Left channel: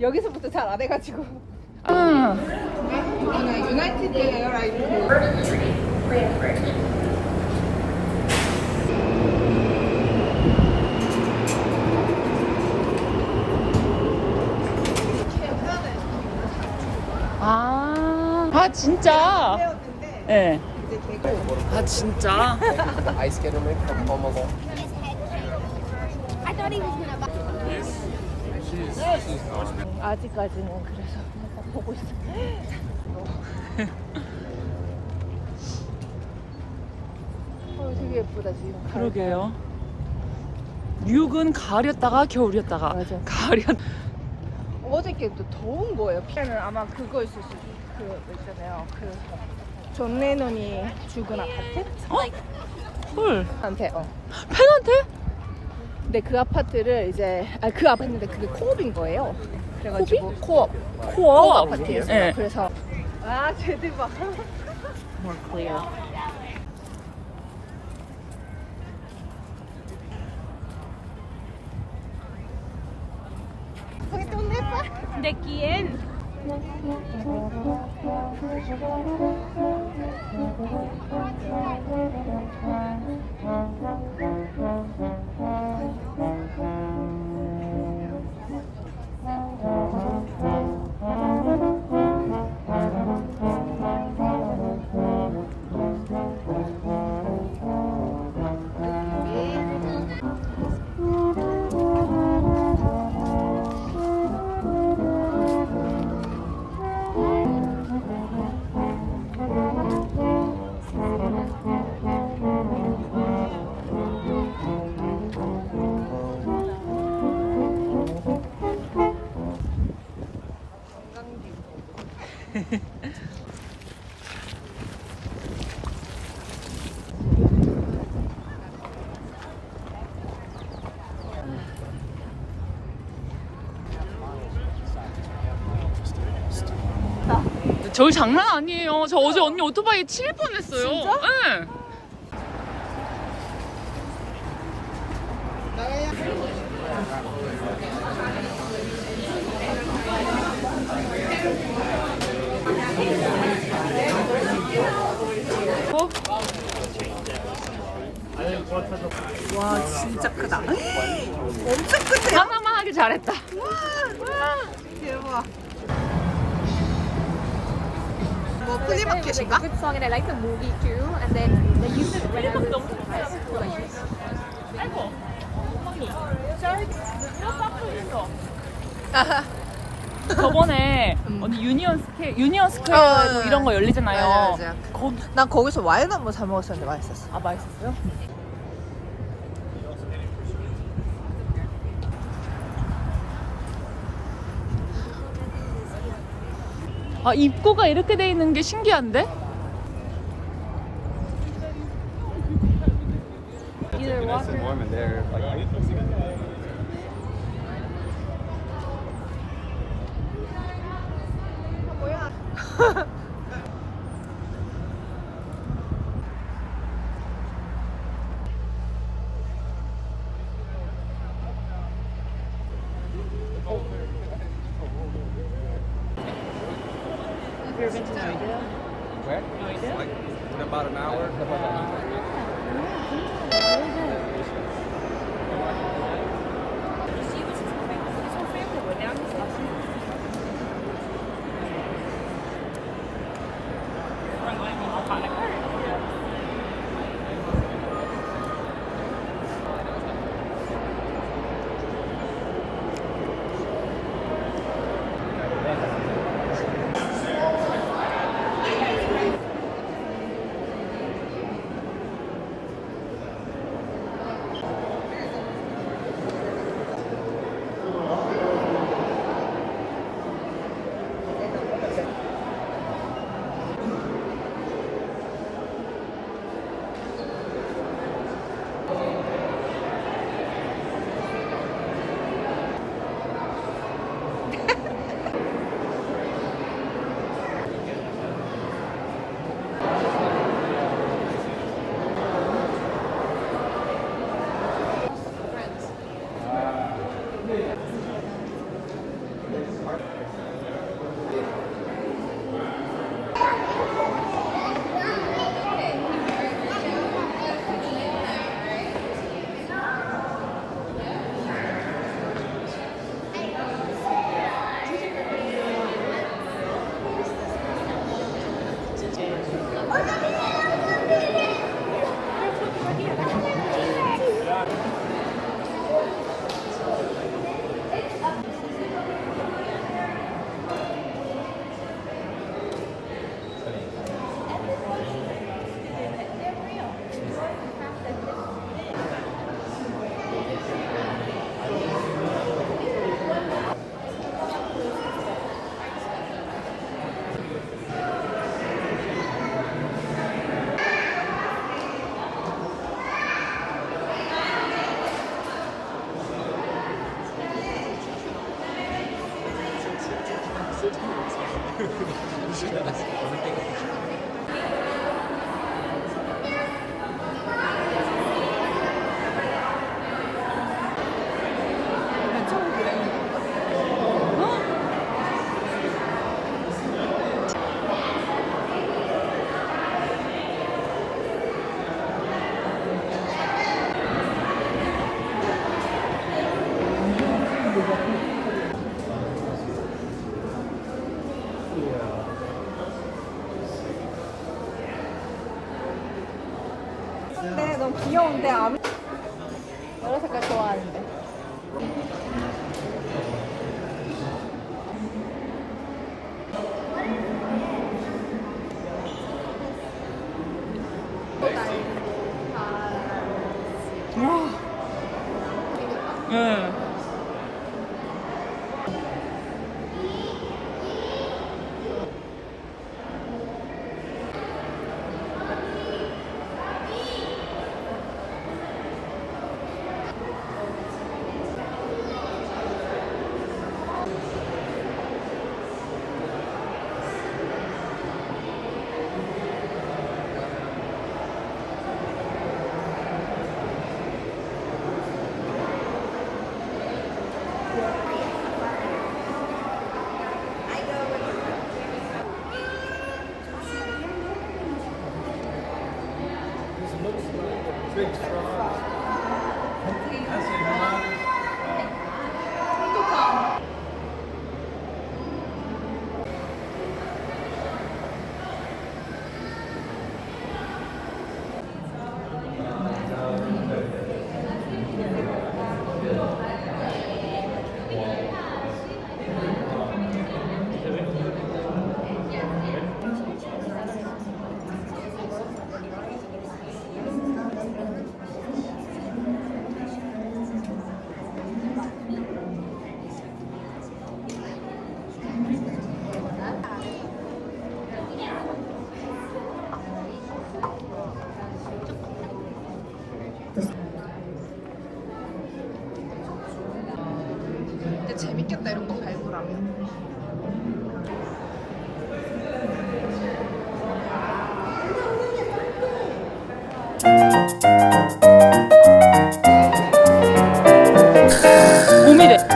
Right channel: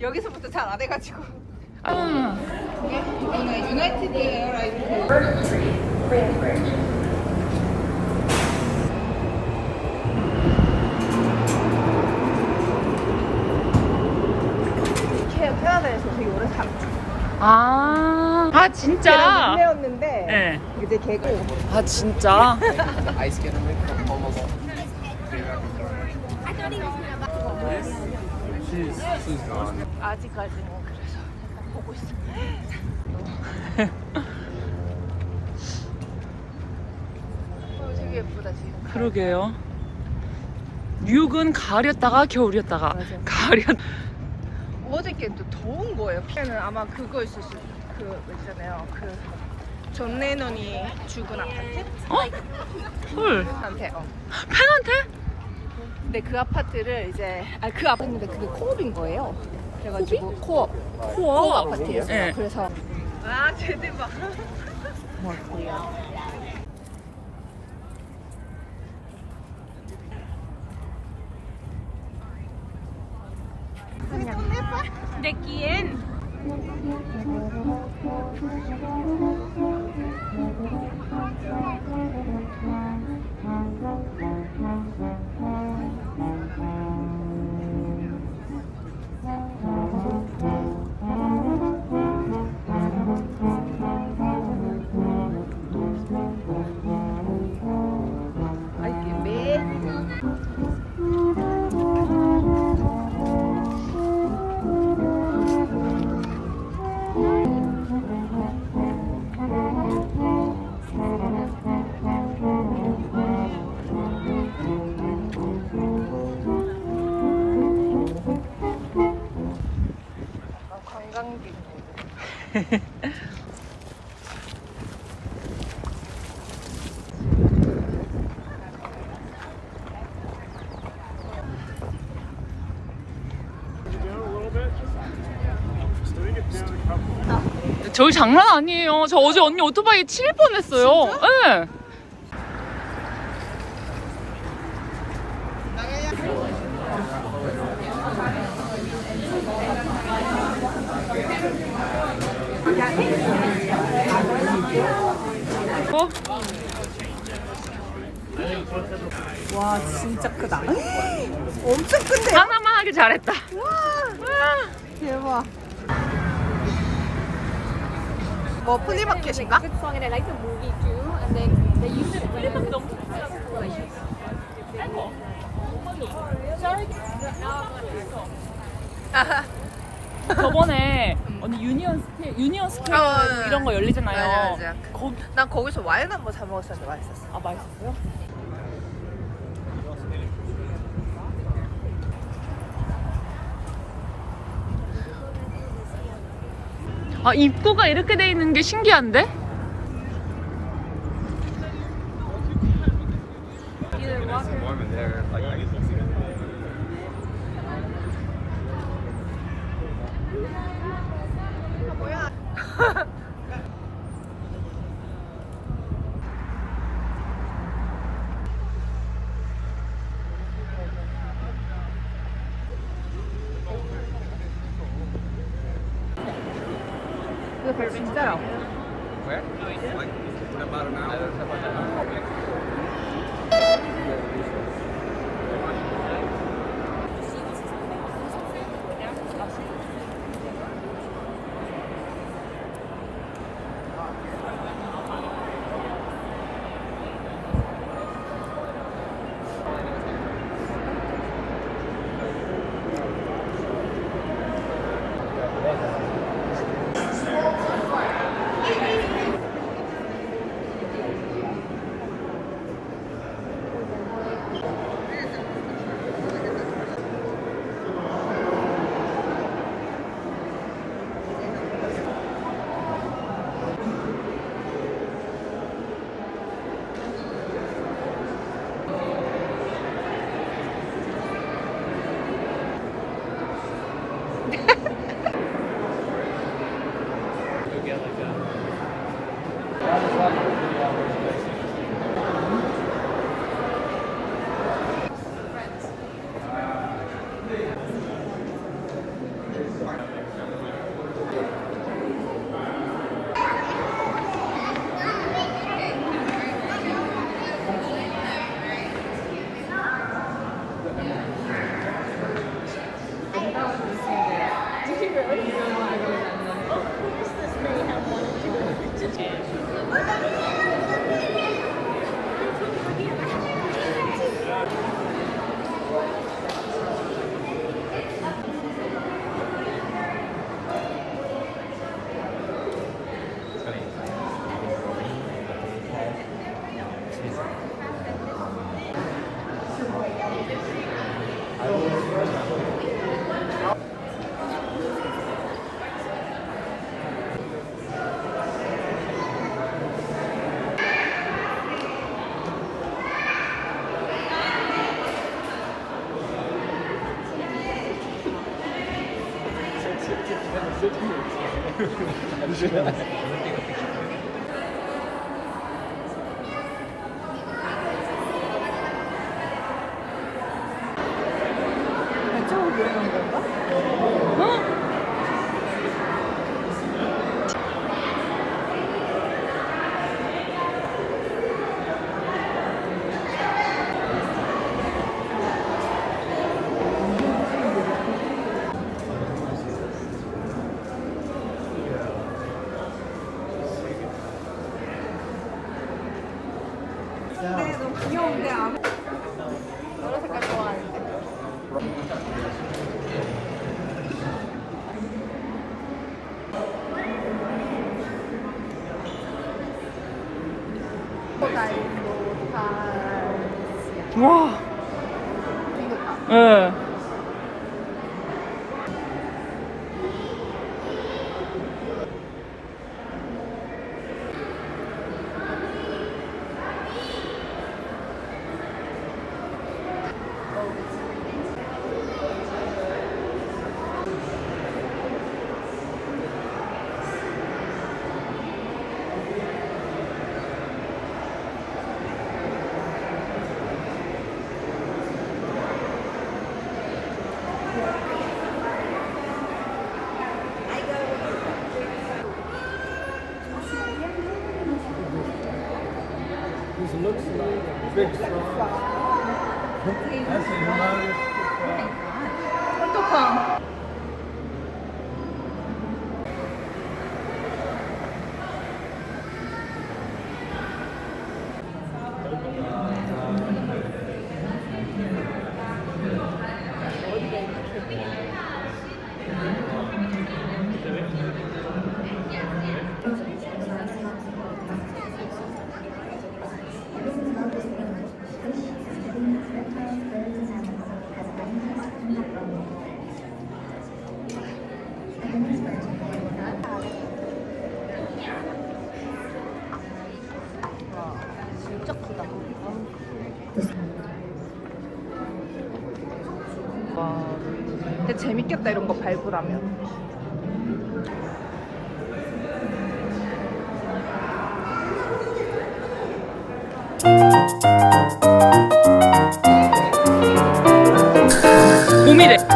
여기서부터 잘 안 해가지고. 이거는 유나이티드 에어라인 아 진짜? 배웠는데 네. 이제 개고. 아 진짜? 아직까지는 그래서 보고 있어. 되게 예쁘다 지금. 그러게요. 뉴욕은 가을이었다가 겨울이었다가 맞아. 가을이었. 어저께는 또 더운 거예요. 피는 아마 그거 있을 수 있잖아요. 존 레논이 죽은 아파트? 헐. 한테. 팬한테? 근데 그 아파트를 이제 그 아파트인데 그게 코업인 거예요. 그래가지고 코업 코어. 아파트였어요. 네. 그래서 쟤들 봐. 뭘 코어? De quién? 관광지 모드. 저희 장난 아니에요. 저 어제 언니 오토바이 칠 뻔했어요. 네. 와 진짜 크다. 엄청 크네. 하나만 하길 잘했다. 대박. 뭐 플리마켓인가? 플리마켓 너무 좋대요. 아이고, 엉망이. 저번에 언니 유니언 스퀘어 이런 거 열리잖아요. 맞아. 난 거기서 와인 한번 사 먹었었는데 맛있었어. 아 맛있었어요? 아 입구가 이렇게 돼 있는 게 신기한데? 진짜요? 발자국 보이는 건가? 네, 너무 귀여운데 아무 여러 색깔 좋아하는데. 와. 예. 근데 재밌겠다 이런 거 밟으라면. 곰이래.